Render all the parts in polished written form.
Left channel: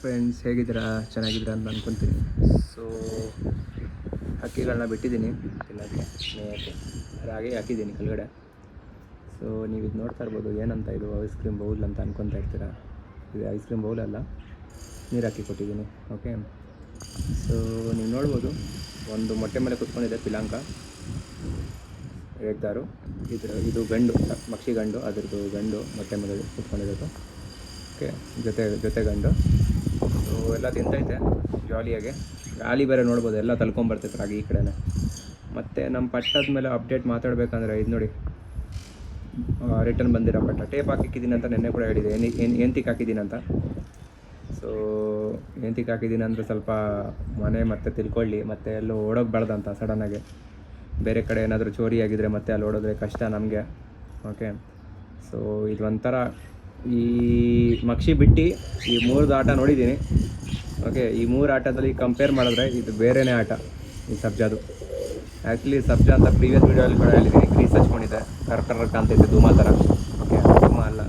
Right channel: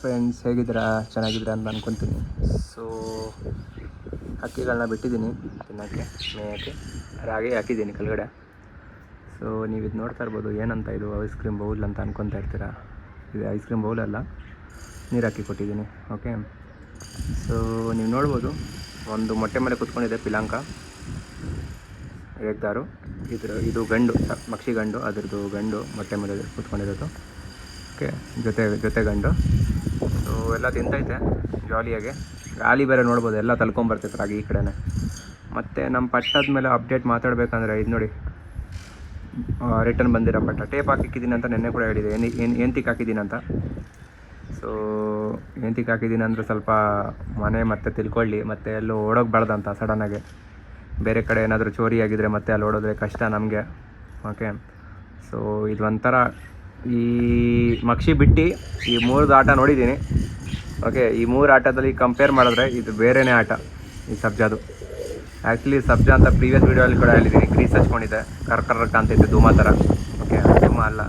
Friends, ಹೇಗಿದ್ದೀರಾ? ಚೆನ್ನಾಗಿದ್ದೀರಾ ಅಂತ ಅಂದ್ಕೊತೀನಿ. ಸೊ ಹಕ್ಕಿಗಳನ್ನ ಬಿಟ್ಟಿದ್ದೀನಿ ತಿನ್ನೋಕ್ಕೆ, ಮೇಯೋಕ್ಕೆ. ರಾಗಿ ಹಾಕಿದ್ದೀನಿ ಕೆಳಗಡೆ. ಸೊ ನೀವು ಇದು ನೋಡ್ತಾ ಇರ್ಬೋದು. ಏನಂತ ಇದು ಐಸ್ ಕ್ರೀಮ್ ಬೌಲ್ ಅಂತ ಅನ್ಕೊತಾ ಇರ್ತೀರಾ. ಇದು ಐಸ್ ಕ್ರೀಮ್ ಬೌಲ್ ಅಲ್ಲ, ನೀರು ಹಾಕಿ ಕೊಟ್ಟಿದ್ದೀನಿ. ಓಕೆ, ಸೊ ನೀವು ನೋಡ್ಬೋದು, ಒಂದು ಮೊಟ್ಟೆ ಮೇಲೆ ಕುತ್ಕೊಂಡಿದೆ ಪಿಲಾಂಕ ಎಗ್ದಾರು. ಇದು ಗಂಡು, ಮಕ್ಷಿ ಗಂಡು, ಅದರದ್ದು ಗಂಡು ಮೊಟ್ಟೆ ಮೇಲೆ ಕುತ್ಕೊಂಡಿರೋದು. ಓಕೆ, ಜೊತೆ ಗಂಡು. ಸೊ ಎಲ್ಲ ತಿಂತೈತೆ ಜಾಲಿಯಾಗಿ. ಗಾಳಿ ಬೇರೆ ನೋಡ್ಬೋದು, ಎಲ್ಲ ತಲ್ಕೊಂಬರ್ತೈತೆ ರಾಗಿ ಈ ಕಡೆನೇ. ಮತ್ತು ನಮ್ಮ ಪಟ್ಟದ ಮೇಲೆ ಅಪ್ಡೇಟ್ ಮಾತಾಡಬೇಕಂದ್ರೆ ಇದು ನೋಡಿ, ರಿಟರ್ನ್ ಬಂದಿರೋ ಪಟ್ಟ. ಟೇಪ್ ಹಾಕಿದ್ದೀನಿ ಅಂತ ನೆನ್ನೆ ಕೂಡ ಹೇಳಿದೆ, ಎಂತಿಗೆ ಹಾಕಿದ್ದೀನಿ ಅಂತ. ಸೊ ಎಂತಿಗೆ ಹಾಕಿದ್ದೀನಿ ಅಂದರೆ ಸ್ವಲ್ಪ ಮನೆ ಮತ್ತೆ ತಿಳ್ಕೊಳ್ಳಿ, ಮತ್ತು ಎಲ್ಲೂ ಓಡೋಗ್ಬಾರ್ದಂತ ಸಡನ್ನಾಗಿ. ಬೇರೆ ಕಡೆ ಏನಾದರೂ ಚೋರಿ ಆಗಿದ್ರೆ ಮತ್ತೆ ಅಲ್ಲಿ ಓಡೋದ್ರೆ ಕಷ್ಟ ನಮಗೆ. ಓಕೆ, ಸೊ ಇದು ಒಂಥರ ಈ ಮಕ್ಷಿ ಬಿಟ್ಟು ಈ 3 ಆಟ ನೋಡಿದ್ದೀನಿ. ಓಕೆ, ಈ 3 ಆಟದಲ್ಲಿ ಕಂಪೇರ್ ಮಾಡಿದ್ರೆ ಇದು ಬೇರೆಯೇ ಆಟ ಈ ಸಬ್ಜಾದು. ಆ್ಯಕ್ಚುಲಿ ಸಬ್ಜಾ ಅಂತ ಪ್ರೀವಿಯಸ್ ವೀಡಿಯೋಲ್ಲಿ ಕೂಡ ಹೇಳಿದ್ದೀನಿ, ಗ್ರೀಸ್ ಹಚ್ಕೊಂಡಿದ್ದೆ, ಕರ್ಕರ್ಕ ಅಂತೈತೆ ಧೂಮ ಥರ. ಓಕೆ, ಧೂಮ ಅಲ್ಲ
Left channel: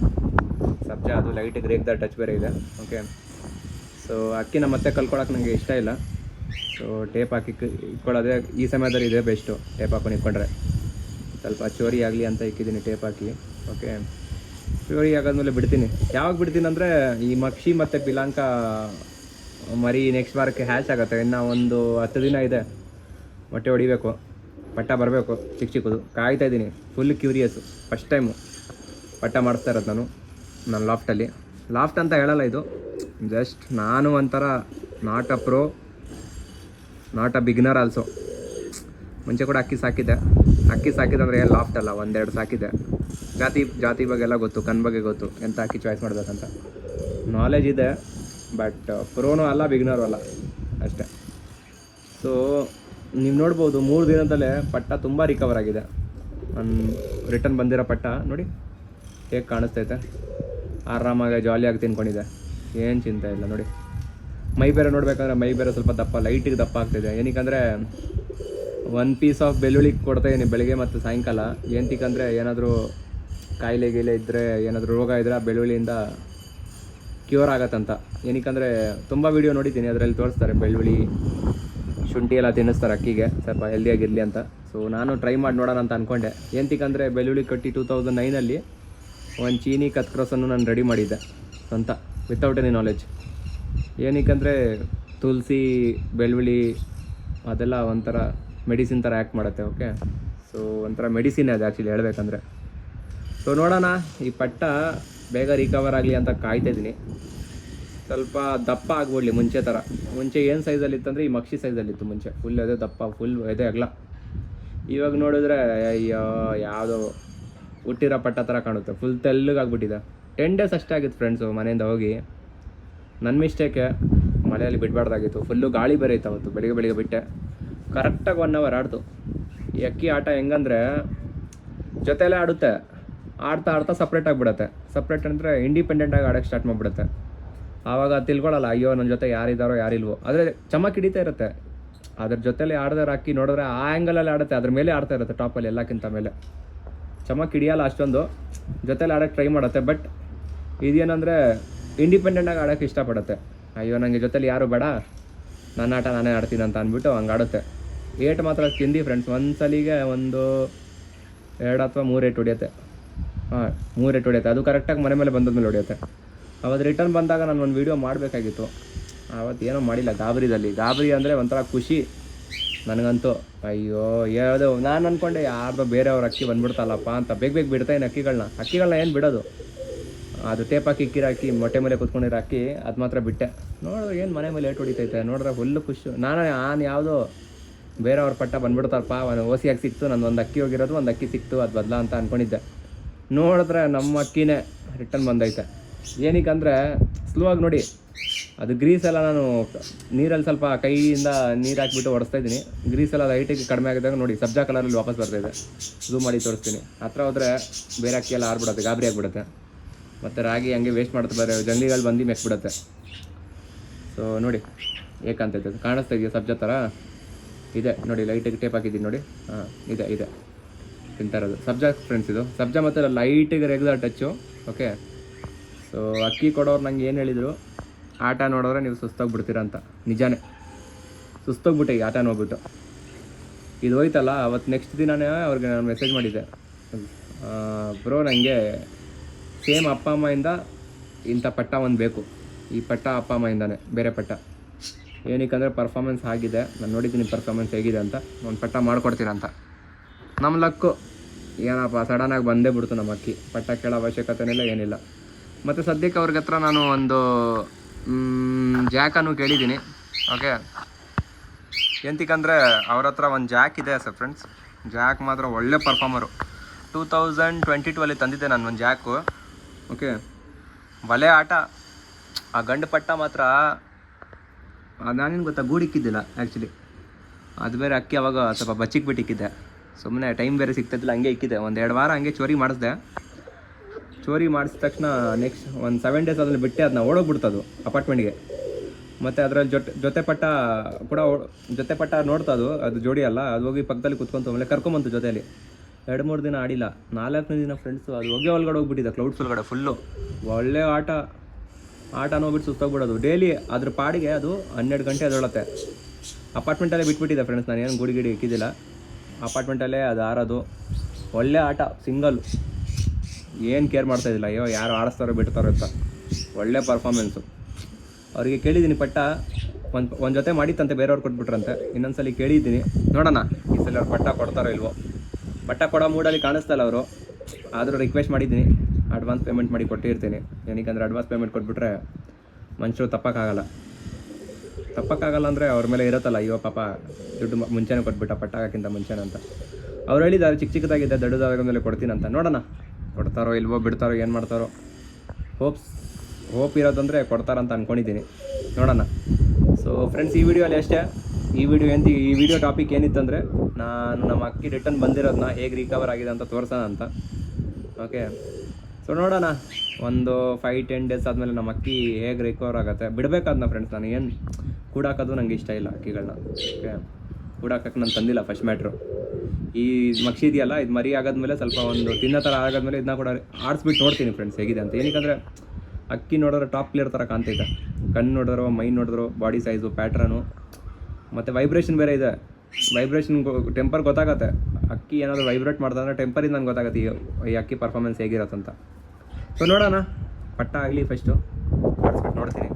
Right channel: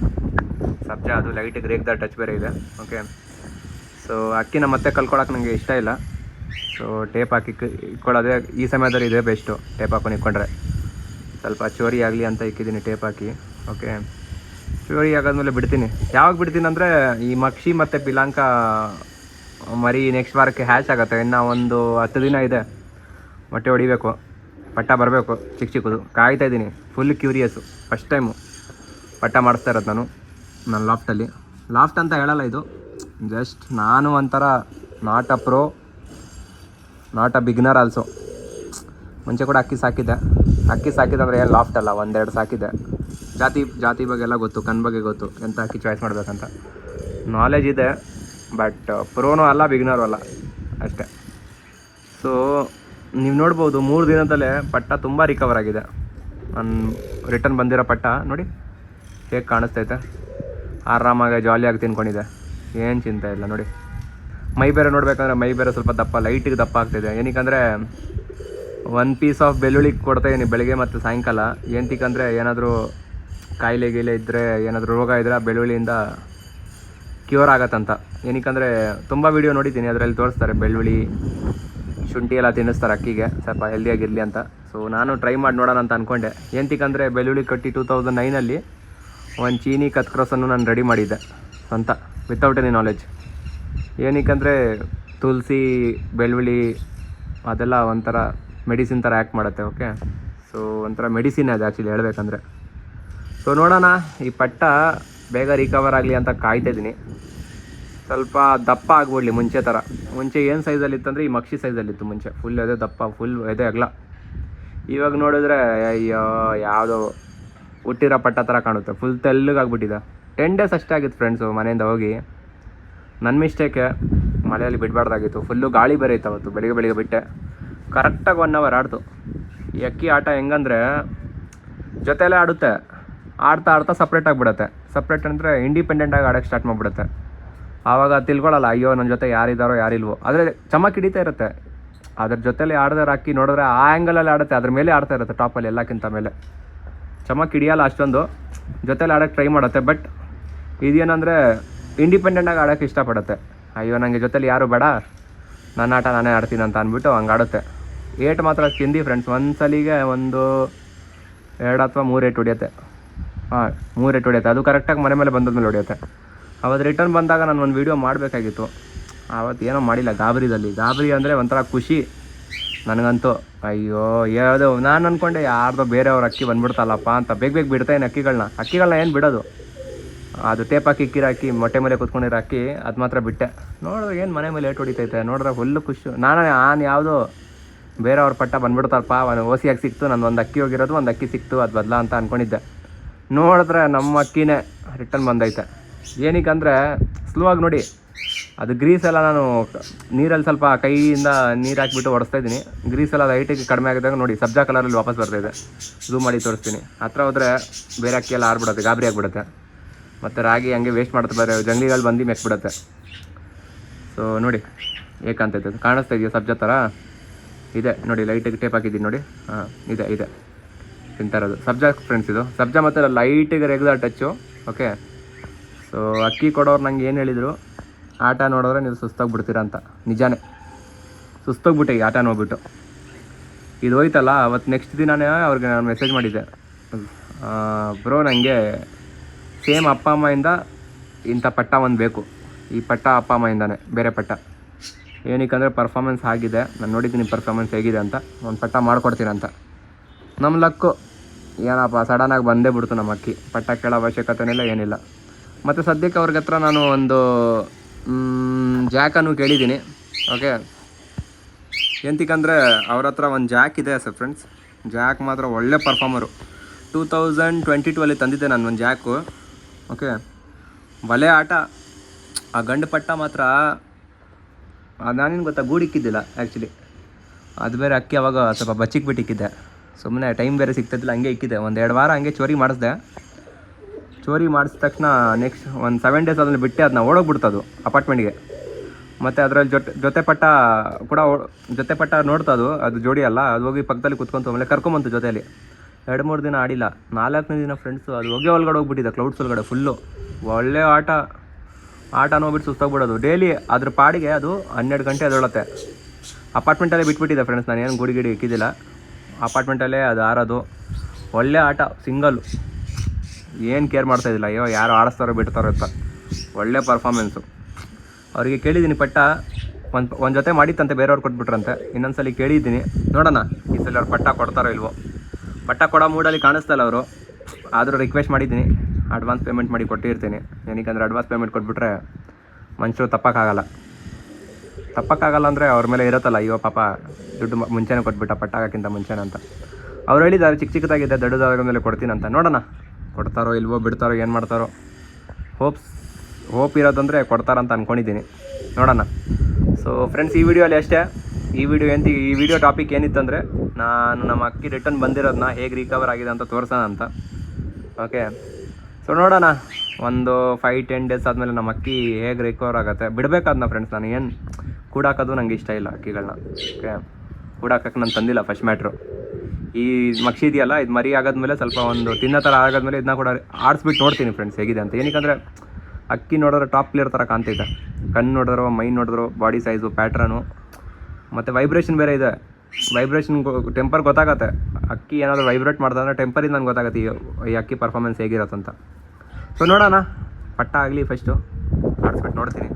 ಸಬ್ಜಾ, ಅದು ಲೈಟಿಗೆ ರೇಗ್ದ ಟಚ್ ಬೇರೆ ಇದೆ. ಓಕೆ, ಸೊ ಅಕ್ಕಿನ ಮತ್ತೆ ಕಲ್ಕೊಳಕ್ಕೆ ನನಗೆ ಇಷ್ಟ ಇಲ್ಲ. ಸೊ ಟೇಪ್ ಹಾಕಿ ಇಟ್ಕೊಳ್ಳೋದೇ ಈ ಸಮಯದಲ್ಲಿ ಇದೆ ಬೆಸ್ಟು. ಟೇಪ್ ಹಾಕೊಂಡು ಇಟ್ಕೊಂಡ್ರೆ ಸ್ವಲ್ಪ ಚೋರಿ ಆಗಲಿ ಅಂತ ಇಕ್ಕಿದ್ದೀನಿ ಟೇಪ್ ಹಾಕಿ. ಓಕೆ, ಚೋರಿ ಆಗಾದ್ಮೇಲೆ ಬಿಡ್ತೀನಿ. ಯಾವಾಗ ಬಿಡ್ತೀನಿ ಅಂದರೆ ಈ ಮಕ್ಷಿ ಮತ್ತು ಪಿಲಾಂಕ ಮರಿ ನೆಕ್ಸ್ಟ್ ವಾರಕ್ಕೆ ಹ್ಯಾಚ್ ಆಗುತ್ತೆ. ಇನ್ನು ಒಂದು 10 ದಿನ ಇದೆ, ಹೊಟ್ಟೆ ಹೊಡಿಬೇಕು, ಪಟ್ಟ ಬರಬೇಕು ಚಿಕ್ಕದು. ಕಾಯ್ತಾ ಇದ್ದೀನಿ, ಫುಲ್ ಕ್ಯೂರಿಯಸ್ಸು. ಫಸ್ಟ್ ಟೈಮು ಪಟ್ಟ ಮಾಡಿಸ್ತಾ ಇರೋದು ನನ್ನ ಲಾಫ್ಟಲ್ಲಿ. ಲಾಫ್ಟ್ ಅಂತ ಹೇಳಲ್ಲ, ಇದು ಜಸ್ಟ್ ನಾನು ಒಂಥರ not a pro, not a beginner also. ಮುಂಚೆ ಕೂಡ ಅಕ್ಕಿ ಸಾಕಿದ್ದೆ ಅಂದರೆ ಏನು ಲಾಫ್ಟ್ ಅಲ್ಲ, 1-2 ಸಾಕಿದ್ದೆ. ಜಾತಿ ಬಗ್ಗೆ ಎಲ್ಲ ಗೊತ್ತು, ಕಣ್ ಬಗ್ಗೆ ಗೊತ್ತು, ಎಂಥ ಅಕ್ಕಿ ಚಾಯ್ಸ್ ಮಾಡಬೇಕಂತ ನಾಲೆಜ್ ಇದೆ. ಬಟ್ ಪ್ರೋನೂ ಅಲ್ಲ, ಬಿಗ್ನರು ಅಲ್ಲ, ಅಷ್ಟೇ. ಸೊ ನೀವು ನೋಡ್ಬೋದು, 3 ದಿನದಲ್ಲೇ ಪಟ್ಟ ತುಂಬ ರಿಕವರ್ ಆಗಿದೆ. ರಿಟರ್ನ್ ಬಂದಿರೋ ಪಟ್ಟ ನೋಡಿ ಹೇಗೆ ಕಾಣಿಸ್ತೈತೆ. ಆರಾಮಾಗಿ ಜಾಲಿಯಾಗಿ ತಿನ್ಕೊಂಡಿದೆ, ಏನು ಚಿಂತೆ ಇಲ್ಲ ನೋಡಿ. ಮೈ ಬೇರೆ ನೋಡ್ಬೇಕಂದ್ರೆ ಮೈ ಬೇರೆ ಸ್ವಲ್ಪ ದಪ್ಪ, ಲೈಟಿಗೆ ದಪ್ಪ ಆಗ್ತಿದೆ. ಏನಕ್ಕಂದರೆ 1 ಪೀಸ್ ಆಫ್ ಬೆಳ್ಳುಳ್ಳಿ ಕೊಡ್ತಾಯಿದ್ದೀನಿ ಬೆಳಗ್ಗೆ ಮತ್ತು ಸಾಯಂಕಾಲ. ಏನಕ್ಕಂದರೆ ಏನಾದರೂ ಕಾಯಿಲೆ ಇದ್ದರೆ, ಏನಾದರೂ ರೋಗ ಇದ್ದರೆ ಬೆಳ್ಳುಳ್ಳಿಯಿಂದ ಕ್ಯೂರ್ ಆಗತ್ತಂತ. ಏನಕ್ಕಂದರೆ ತುಂಬ ವೀಡಿಯೋ ನೋಡಿದ್ದೀನಿ, ಅದರಲ್ಲಿ ತೋರಿಸ್ತಾರೆ ಬೆಳ್ಳುಳ್ಳಿ ಶುಂಠಿ ಎಲ್ಲ ತಿನ್ನಿಸ್ತಾರೆ ಅಕ್ಕಿಗೆ ಸ್ವಲ್ಪ ಹೆಲ್ದಿಯಾಗಿರಲಿ ಅಂತ. ಸೊ ನಾನು ಟ್ರೈ ಮಾಡಿ ನೋಡೋಣ ಅಂತ ಅಂದ್ಕೊಂಡೆ. ಏನಕ್ಕಂದರೆ ಬೆಳ್ಳುಳ್ಳಿ ಕಟ್ಟಿ 2009ಅಲ್ಲಿ ಒಂದು ಚೀನಿ ಕತ್ಕ್ರೋಸನ್ನು ನಾನು ರೆಡಿ ಮಾಡಿದ್ದೆ ಅಂತ, ವಿತೌಟ್ ಎನಿ ನಾಲೆಜ್. ಏನಕ್ಕಂದರೆ ತುಳಸಿ ಬೆಳ್ಳುಳ್ಳಿ ಅದೆಲ್ಲ ಒಂಥರ ಮೆಡಿಸಿನ್ ಥರ ಆ್ಯಕ್ಟ್ ಮಾಡುತ್ತೆ. ಓಕೆ, ಸೊ ಒಂಥರ ಮೆಡಿಸಿನ್ ಅದು ಆ್ಯಕ್ಚುಲಿ ಹೇಳಬೇಕಂದ್ರೆ. ಸೊ ನೋಡೋಣ, ಈ ಪಟ್ಟ ಬೇಗ ರಿಕವರ್ ಆಗಲಿ ಅಂತ ಕಾಯ್ತಾಯಿದ್ದೀನಿ. ಸ್ವಲ್ಪ ದಪ್ಪ ಆಗ್ಬಿಡ್ಲಿ ಮುಂಚೆ ಏನು ಸೈಜಲ್ಲಿತ್ತಂದರೆ ಈ ಮಕ್ಷಿ ಸೈಜಲ್ಲಿತ್ತು ಮುಂಚೆ, ಫುಲ್ ಎದೆ ದಪ್ಪ, ಫುಲ್ ಎದೆ ಅಗಲ. ಇವಾಗ ನೋಡಿದ್ರೆ ಅಯ್ಯೋ ಯಾವುದೋ ಹುಟ್ಟಿರೋ ಪಟ್ಟ ಥರ ಕಾಣುತ್ತೆ, ಫುಲ್ ತೆಲ್ಲಗಾಗ್ಬಿಟ್ಟಿದೆ. 10 ಡೇಸ್ ಅಷ್ಟೇ ಆಗಿತ್ತು ಫ್ರೆಂಡ್ಸು ಮನೆಯಿಂದ ಹೋಗಿ. ನನ್ನ ಮಿಸ್ಟೇಕೆ, ಮಳೆಯಲ್ಲಿ ಬಿಡಬಾರ್ದಾಗಿತ್ತು. ಫುಲ್ಲು ಗಾಳಿ ಬೇರೆ ಇತ್ತು ಅವತ್ತು, ಬೆಳಿಗ್ಗೆ ಬಿಟ್ಟೆ. ಕರೆಕ್ಟಾಗಿ 1 ಅವರ್ ಆಡ್ತು. ಈ ಅಕ್ಕಿ ಆಟ ಹೆಂಗಂದರೆ ಜೊತೆಯಲ್ಲೇ ಆಡುತ್ತೆ, ಆಡ್ತಾ ಸಪ್ರೇಟ್ ಆಗಿಬಿಡುತ್ತೆ. ಸಪ್ರೇಟ್ ಅಂದರೆ ಇಂಡಿಪೆಂಡೆಂಟಾಗಿ ಆಡೋಕ್ಕೆ ಸ್ಟಾರ್ಟ್ ಮಾಡಿಬಿಡುತ್ತೆ. ಆವಾಗ ತಿಳ್ಕೊಳ್ಳಲ್ಲ, ಅಯ್ಯೋ ನನ್ನ ಜೊತೆ ಯಾರಿದ್ದಾರೋ ಯಾರಿಲ್ವೋ. ಆದರೆ ಚಮಕ್ ಹಿಡಿತಾ ಇರುತ್ತೆ. ಅದ್ರ ಜೊತೆಲಿ ಆಡಿದ್ರೆ ಅಕ್ಕಿ ನೋಡಿದ್ರೆ ಆ ಆ್ಯಂಗಲಲ್ಲಿ ಆಡುತ್ತೆ, ಅದ್ರ ಮೇಲೆ ಆಡ್ತಾ ಇರುತ್ತೆ, ಟಾಪಲ್ಲಿ ಎಲ್ಲಕ್ಕಿಂತ ಮೇಲೆ. ಚಮಕ್ ಹಿಡಿಯಲ್ಲ ಅಷ್ಟೊಂದು, ಜೊತೆಲಿ ಆಡೋಕ್ಕೆ ಟ್ರೈ ಮಾಡುತ್ತೆ. ಬಟ್ ಇದೇನಂದರೆ ಇಂಡಿಪೆಂಡೆಂಟಾಗಿ ಆಡೋಕ್ಕೆ ಇಷ್ಟಪಡುತ್ತೆ. ಅಯ್ಯೋ ನನಗೆ ಜೊತೆಲಿ ಯಾರು ಬೇಡ, ನನ್ನ ಆಟ ನಾನೇ ಆಡ್ತೀನಿ ಅಂತ ಅಂದ್ಬಿಟ್ಟು ಹಂಗೆ ಆಡುತ್ತೆ. ಏಟ್ ಮಾತ್ರ ತಿಂದು ಫ್ರೆಂಡ್ಸ್, ಒಂದು ಸಲಿಗೆ 1, 2 ಅಥವಾ 3 ಏಟ್ ಹೊಡಿಯುತ್ತೆ. 3 ಏಟ್ ಹೊಡಿಯುತ್ತೆ. ಅದು ಕರೆಕ್ಟಾಗಿ ಮನೆ ಮೇಲೆ ಬಂದದ್ಮೇಲೆ ಹೊಡಿಯುತ್ತೆ. ಅವತ್ತು ರಿಟರ್ನ್ ಬಂದಾಗ ನಾನು ಒಂದು ವೀಡಿಯೋ ಮಾಡಬೇಕಾಗಿತ್ತು, ಆವತ್ತು ಏನೋ ಮಾಡಿಲ್ಲ. ಗಾಬರಿ ಅಂದರೆ ಒಂಥರ ಖುಷಿ ನನಗಂತೂ. ಅಯ್ಯೋ ಯಾವುದೋ ನಾನು ಅಂದ್ಕೊಂಡೆ ಯಾರ್ದೋ ಬೇರೆಯವ್ರ ಅಕ್ಕಿ ಬಂದ್ಬಿಡ್ತಲ್ಲಪ್ಪ ಅಂತ. ಬೇಗ ಬಿಡ್ತಾಯಿನಿ ಅಕ್ಕಿಗಳನ್ನ ಏನು ಬಿಡೋದು. ಅದು ಟೇಪ್ ಹಾಕಿ ಹಾಕಿ ಮೊಟ್ಟೆ ಮೇಲೆ ಕುತ್ಕೊಂಡಿರೋ ಅಕ್ಕಿ ಅದು ಮಾತ್ರ ಬಿಟ್ಟೆ. ನೋಡಿದ್ರೆ ಏನು ಮನೆ ಮೇಲೆ ಏಟು ಹೊಡಿತೈತೆ ನೋಡಿದ್ರೆ ಫುಲ್ಲು ಖುಷಿ. ನಾನು ಯಾವುದೋ ಬೇರೆಯವ್ರ ಪಟ್ಟ ಬಂದ್ಬಿಡ್ತಾರಪ್ಪ, ಓಸಿಯಾಗಿ ಸಿಕ್ತು, ನನ್ನ ಒಂದು ಅಕ್ಕಿ ಹೋಗಿರೋದು, ಒಂದು ಅಕ್ಕಿ ಸಿಕ್ತು, ಅದು ಬದಲ ಅಂತ ಅಂದ್ಕೊಂಡಿದ್ದೆ. ನೋಡಿದ್ರೆ ನಮ್ಮ ಅಕ್ಕಿನೇ ರಿಟರ್ನ್ ಬಂದೈತೆ. ಏನಕ್ಕಂದರೆ ಸ್ಲೋ ಆಗಿ ನೋಡಿ, ಅದು ಗ್ರೀಸೆಲ್ಲ ನಾನು ನೀರಲ್ಲಿ ಸ್ವಲ್ಪ ಕೈಯಿಂದ ನೀರು ಹಾಕಿಬಿಟ್ಟು ಒಡಿಸ್ತಾ ಇದ್ದೀನಿ. ಗ್ರೀಸೆಲ್ಲ ಲೈಟಿಗೆ ಕಡಿಮೆ ಆಗಿದಾಗ ನೋಡಿ ಸಬ್ಜಾ ಕಲರಲ್ಲಿ ವಾಪಸ್ ಬರ್ತಾಯಿದೆ. ಝೂಮ್ ಮಾಡಿ ತೋರಿಸ್ತೀನಿ. ಹತ್ರ ಹೋದರೆ ಬೇರೆ ಅಕ್ಕಿ ಎಲ್ಲ ಆರ್ಬಿಡುತ್ತೆ, ಗಾಬರಿ ಆಗಿಬಿಡುತ್ತೆ. ಮತ್ತು ರಾಗಿ ಹಂಗೆ ವೇಸ್ಟ್ ಮಾಡ್ತಾ ಬೇರೆ ಜಂಗ್ಲಿಗಳು ಬಂದು ಮೆಕ್ಬಿಡುತ್ತೆ. ಸೊ ನೋಡಿ ಏಕಂತೈತೆ, ಕಾಣಿಸ್ತಾ ಇದೆಯಾ ಸಬ್ಜಾ ಥರ ಇದೆ ನೋಡಿ. ಲೈಟಿಗೆ ಟೇಪ್ ಹಾಕಿದ್ದೀನಿ ನೋಡಿ. ಇದೆ ತಿಂತಾ ಇರೋದು ಸಬ್ಜಾ ಫ್ರೆಂಡ್ಸ್. ಇದು ಸಬ್ಜಾ ಮತ್ತು ಲೈಟಿಗೆ ರೆಗ್ಯುಲರ್ ಟಚ್ಚು. ಓಕೆ, ಸೊ ಅಕ್ಕಿ ಕೊಡೋರು ನಂಗೆ ಏನು ಹೇಳಿದರು, ಆಟ ನೋಡಿದ್ರೆ ನೀವು ಸುಸ್ತಾಗ್ಬಿಡ್ತೀರ ಅಂತ. ನಿಜಾನೇ ಸುಸ್ತೋಗ್ಬಿಟ್ಟೆ ಈ ಆಟ ನೋಡ್ಬಿಟ್ಟು. ಇದು ಹೋಯ್ತಲ್ಲ ಅವತ್ತು ನೆಕ್ಸ್ಟ್ ದಿನವೇ ಅವ್ರಿಗೆ ನಾನು ಮೆಸೇಜ್ ಮಾಡಿದ್ದೆ, ಬ್ರೋ ನನಗೆ ಸೇಮ್ ಅಪ್ಪ ಅಮ್ಮಯಿಂದ ಇಂಥ ಪಟ್ಟ ಒಂದು ಬೇಕು, ಈ ಪಟ್ಟ ಅಪ್ಪ ಅಮ್ಮಯಿಂದಾನೆ, ಬೇರೆ ಪಟ್ಟ ಏನಕ್ಕಂದರೆ ಪರ್ಫಾಮೆನ್ಸ್ ಆಗಿದೆ, ನಾನು ನೋಡಿದ್ದೀನಿ ಪರ್ಫಾಮೆನ್ಸ್ ಹೇಗಿದೆ ಅಂತ, ಒಂದು ಪಟ್ಟ ಮಾಡ್ಕೊಡ್ತೀರಂತ. ನಮ್ಮ ಲಕ್ಕು ಏನಪ್ಪ ಸಡನ್ನಾಗಿ ಬಂದೇ ಬಿಡ್ತು ನಮ್ಮ ಅಕ್ಕಿ. ಪಟ್ಟ ಕೇಳೋ ಅವಶ್ಯಕತೆನಿಲ್ಲ ಏನಿಲ್ಲ. ಮತ್ತು ಸದ್ಯಕ್ಕೆ ಅವ್ರಿಗೆ ಹತ್ರ ನಾನು ಒಂದು ಜಾಕನ್ನು ಕೇಳಿದ್ದೀನಿ. ಓಕೆ, ಎಂತಕ್ಕಂದರೆ ಅವ್ರ ಹತ್ರ ಒಂದು ಜಾಕ್ ಇದೆ ಸರ್ ಫ್ರೆಂಡ್ಸ್. ಜಾಕ್ ಮಾತ್ರ ಒಳ್ಳೆ ಪರ್ಫಾರ್ಮರು. 2022 ತಂದಿದ್ದೆ ನಾನು ಒಂದು ಜಾಕು. ಓಕೆ, ಬಲೆ ಆಟ. ಆ ಗಂಡು ಪಟ್ಟ ಮಾತ್ರ ನಾನೇನು ಗೊತ್ತಾ, ಗೂಡಿಕ್ಕಿದ್ದಿಲ್ಲ ಆ್ಯಕ್ಚುಲಿ. ಅದು ಬೇರೆ ಅಕ್ಕಿ ಅವಾಗ ಸ್ವಲ್ಪ ಬಚ್ಚಿಕ್ಬಿಟ್ಟಿಕ್ಕಿದ್ದೆ, ಸುಮ್ಮನೆ ಟೈಮ್ ಬೇರೆ ಸಿಗ್ತಿದ್ದಿಲ್ಲ, ಹಂಗೆ ಇಕ್ಕಿದ್ದೆ. ಒಂದು 2 ವಾರ ಹಂಗೆ ಚೋರಿ ಮಾಡಿಸ್ದೆ. ಚೋರಿ ಮಾಡಿಸಿದ ತಕ್ಷಣ ನೆಕ್ಸ್ಟ್ ಒಂದು 7 ಡೇಸ್ ಆದಮೇಲೆ ಬಿಟ್ಟೆ, ಅದನ್ನ ಓಡೋಗ್ಬಿಡ್ತದು ಅಪಾರ್ಟ್ಮೆಂಟ್ಗೆ. ಮತ್ತು ಅದರಲ್ಲಿ ಜೊತೆ ಪಟ್ಟ ನೋಡ್ತದು, ಅದು ಜೋಡಿ ಅಲ್ಲ, ಅದು ಹೋಗಿ ಪಕ್ಕದಲ್ಲಿ ಕುತ್ಕೊಂತು. ಆಮೇಲೆ ಕರ್ಕೊಂಬಂತು ಜೊತೆಯಲ್ಲಿ. 2-3 ದಿನ ಆಡಿಲ್ಲ, 4ನೇ ದಿನ ಫ್ರೆಂಡ್ಸು ಅದು ಒಳಗಡೆ ಹೋಗ್ಬಿಟ್ಟಿದೆ, ಕ್ಲೌಡ್ಸ್ ಒಳಗಡೆ ಫುಲ್ಲು. ಒಳ್ಳೆ ಆಟ ನೋಡ್ಬಿಟ್ಟು ಸುಸ್ತಾಗ್ಬಿಡೋದು. ಡೈಲಿ ಅದ್ರ ಪಾಡಿಗೆ ಅದು 12 ಗಂಟೆ ಅದೊಳತ್ತೆ. ಅಪಾರ್ಟ್ಮೆಂಟಲ್ಲೇ ಬಿಟ್ಬಿಟ್ಟಿದೆ ಫ್ರೆಂಡ್ಸ್, ನಾನು ಏನು ಗುಡಿ ಇಕ್ಕಿದ್ದಿಲ್ಲ, ಅಪಾರ್ಟ್ಮೆಂಟಲ್ಲೇ ಅದು ಆರೋದು. ಒಳ್ಳೆ ಆಟ, ಸಿಂಗಲ್, ಏನು ಕೇರ್ ಮಾಡ್ತಾಯಿದ್ದಿಲ್ಲ, ಅಯ್ಯೋ ಯಾರು ಆಡಿಸ್ತಾರೋ ಬಿಡ್ತಾರೋ ಅಂತ. ಒಳ್ಳೆ ಪರ್ಫಾರ್ಮೆನ್ಸು. ಅವರಿಗೆ ಕೇಳಿದ್ದೀನಿ ಪಟ್ಟ, ಒಂದು ಜೊತೆ ಮಾಡಿತ್ತಂತೆ, ಬೇರೆಯವ್ರು ಕೊಟ್ಬಿಟ್ರಂತೆ. ಇನ್ನೊಂದ್ಸಲ ಕೇಳಿದ್ದೀನಿ, ನೋಡೋಣ ಈ ಸಲ ಅವ್ರು ಪಟ್ಟ ಕೊಡ್ತಾರೋ ಇಲ್ವೋ. ಪಟ್ಟ ಕೊಡೋ ಮೂಡಲ್ಲಿ ಕಾಣಿಸ್ತಲ್ಲ ಅವರು, ಆದರೂ ರಿಕ್ವೆಸ್ಟ್ ಮಾಡಿದ್ದೀನಿ, ಅಡ್ವಾನ್ಸ್ ಪೇಮೆಂಟ್ ಮಾಡಿ ಕೊಟ್ಟಿರ್ತೀನಿ. ಏನಕ್ಕಂದರೆ ಅಡ್ವಾನ್ಸ್ ಪೇಮೆಂಟ್ ಕೊಟ್ಬಿಟ್ರೆ ಮನುಷ್ಯರು ತಪ್ಪಕ್ಕಾಗಲ್ಲ ಅಂದರೆ ಅವ್ರ ಮೇಲೆ ಇರುತ್ತಲ್ಲ, ಅಯ್ಯೋ ಪಾಪ ದುಡ್ಡು ಮುಂಚೆನೇ ಕೊಟ್ಬಿಟ್ಟ ಪಟ್ಟ ಆಗೋಕ್ಕಿಂತ ಮುಂಚೆನೇ ಅಂತ. ಅವ್ರು ಹೇಳಿದ್ದಾರೆ ಚಿಕ್ಕದಾಗಿದೆ, ದೊಡ್ಡದಾದ ಮೇಲೆ ಕೊಡ್ತೀನಿ ಅಂತ. ನೋಡೋಣ ಕೊಡ್ತಾರೋ ಇಲ್ವೋ, ಬಿಡ್ತಾರೋ, ಏನು ಮಾಡ್ತಾರೋ. ಹೋಪ್ ಇರೋದಂದರೆ ಕೊಡ್ತಾರಂತ ಅಂದ್ಕೊಂಡಿದ್ದೀನಿ, ನೋಡೋಣ. ಸೊ ಫ್ರೆಂಡ್ಸ್, ಈ ವಿಡಿಯೋಲಿ ಅಷ್ಟೇ. ಈ ವಿಡಿಯೋ ಟಾಪಿಕ್ ಏನಿತ್ತಂದರೆ, ನಾನು ನಮ್ಮ ಅಕ್ಕಿ ರಿಟರ್ನ್ ಬಂದಿರೋದನ್ನ ಹೇಗೆ ರಿಕವರ್ ಆಗಿದೆ ಅಂತ ತೋರಿಸೋಣ ಅಂತ. ಓಕೆ, ಸೊ ನೋಡೋಣ, ಒಂದು 5-10 ಡೇಸ್ ಆದಮೇಲೆ ನಮ್ಮ ಅಕ್ಕಿ ಹೇಗೆ ರಿಕವರ್ ಆಗುತ್ತೆ. ಬಿಡಬೇಕಾದ್ನ ಫ್ರೆಂಡ್ಸ್, ನಾನು ಏನು ಕೂಡಾಕೋದು ನನಗೆ ಇಷ್ಟ ಇಲ್ಲ ಅಕ್ಕಿಗಳನ್ನ. ಓಕೆ, ಕೂಡಾಕಕ್ಕೆ ನಾನು ತಂದಿಲ್ಲ. ಫಸ್ಟ್ ಮ್ಯಾಟ್ರು ಈ ಮಕ್ಷಿ ಇದೆಯಲ್ಲ, ಇದು ಮರಿ ಆಗೋದ್ಮೇಲೆ ಸ್ವಲ್ಪ ಒಂದು ತಿನ್ನೋ ಥರ ಆಗೋದ್ಮೇಲೆ ಇದನ್ನ ಕೂಡ ಆಡಿಸ್ಬಿಟ್ಟು ನೋಡ್ತೀನಿ ಫ್ರೆಂಡ್ಸ್ ಹೇಗಿದೆ ಅಂತ. ಏನಕ್ಕಂದರೆ ಅಕ್ಕಿ ನೋಡಿದ್ರೆ ಟಾಪ್ ಪ್ಲೇಯರ್ ಥರ ಕಾಣ್ತೈತೆ. ಕಣ್ಣು ನೋಡಿದ್ರು, ಮೈ ನೋಡಿದ್ರು, ಬಾಡಿ ಸೈಜು, ಪ್ಯಾಟ್ರನು, ಮತ್ತು ವೈಬ್ರೇಷನ್ ಬೇರೆ ಇದೆ. ವೈಬ್ರೇಷನ್ ಟೆಂಪರ್ ಗೊತ್ತಾಗತ್ತೆ. ಅಕ್ಕಿ ಏನಾದರೂ ವೈಬ್ರೇಟ್ ಮಾಡ್ದಂದ್ರೆ ಟೆಂಪರಿಂದ ನನಗೆ ಗೊತ್ತಾಗತ್ತೆ ಈ ಅಕ್ಕಿ ಪರ್ಫಾರ್ಮೆನ್ಸ್ ಹೇಗಿರತ್ತಂತ. ಸೊ ನೋಡೋಣ, ಪಟ್ಟ ಆಗಲಿ ಫಸ್ಟು, ಆಡಿಸ್ಬಿಟ್ಟು ನೋಡ್ತೀನಿ.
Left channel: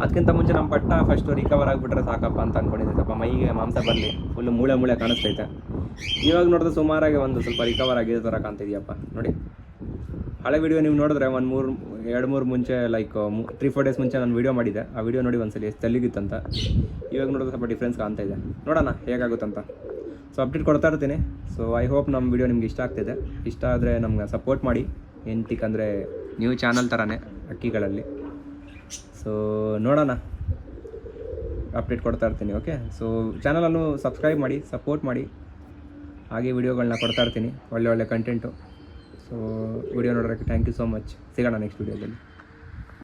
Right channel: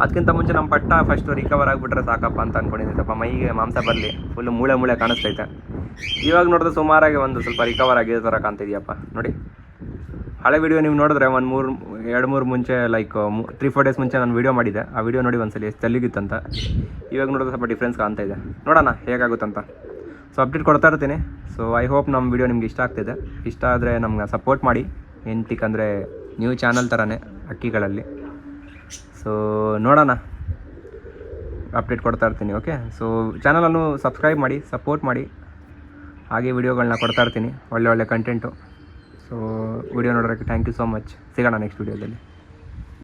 ಅದಕ್ಕಿಂತ ಮುಂಚೆ ನಮ್ಮ ಪಟ್ಟ ಫಸ್ಟು ರಿಕವರ್ ಆಗಿಬಿಟ್ರೆ ಸಾಕಪ್ಪ ಅಂತ ಅಂದ್ಕೊಂಡಿದ್ದೀನಿ. ಸ್ವಲ್ಪ ಮೈಗೆ ಮಾಂಸ ಬರಲಿ, ಫುಲ್ಲು ಮೂಳೆ ಕಾಣಿಸ್ತೈತೆ. ಇವಾಗ ನೋಡಿದ್ರೆ ಸುಮಾರಾಗಿ ಒಂದು ಸ್ವಲ್ಪ ರಿಕವರ್ ಆಗಿರೋ ಥರ ಕಾಣ್ತಿದೆಯಪ್ಪ. ನೋಡಿ, ಹಳೆ ವೀಡಿಯೋ ನೀವು ನೋಡಿದ್ರೆ 2-3 ಮುಂಚೆ, ಲೈಕ್ 3-4 ಡೇಸ್ ಮುಂಚೆ ನಾನು ವೀಡಿಯೋ ಮಾಡಿದ್ದೆ. ಆ ವೀಡಿಯೋ ನೋಡಿ ಒಂದ್ಸಲಿ ಎಷ್ಟು ತೆಲ್ಲಿಗಿತ್ತಂತ. ಇವಾಗ ನೋಡಿದ್ರೆ ಸ್ವಲ್ಪ ಡಿಫ್ರೆನ್ಸ್ ಕಾಣ್ತಾ ಇದೆ. ನೋಡೋಣ ಹೇಗಾಗುತ್ತಂತ. ಸೊ ಅಪ್ಡೇಟ್ ಕೊಡ್ತಾ ಇರ್ತೀನಿ. ಸೊ ಐ ಹೋಪ್ ನಮ್ಮ ವೀಡಿಯೋ ನಿಮ್ಗೆ ಇಷ್ಟ ಆಗ್ತಿದೆ. ಇಷ್ಟ ಆದರೆ ನಮ್ಗೆ ಸಪೋರ್ಟ್ ಮಾಡಿ. ಎಂತಿಕ್ಕಂದರೆ ನ್ಯೂ ಚಾನಲ್ ಥರನೇ ಅಕ್ಕಿಗಳಲ್ಲಿ. ಸೊ ನೋಡೋಣ, ಅಪ್ಡೇಟ್ ಕೊಡ್ತಾ ಇರ್ತೀನಿ. ಓಕೆ, ಸೊ ಚಾನಲನ್ನು ಸಬ್ಸ್ಕ್ರೈಬ್ ಮಾಡಿ, ಸಪೋರ್ಟ್ ಮಾಡಿ. ಹಾಗೆ ವೀಡಿಯೋಗಳನ್ನ ಕೊಡ್ತಾ ಇರ್ತೀನಿ, ಒಳ್ಳೆ ಕಂಟೆಂಟು. ಸೊ ವಿಡಿಯೋ ನೋಡೋಕ್ಕೆ ಥ್ಯಾಂಕ್ ಯು ಸೋ ಮಚ್. ಸಿಗೋಣ ನೆಕ್ಸ್ಟ್ ವೀಡಿಯೋದಲ್ಲಿ.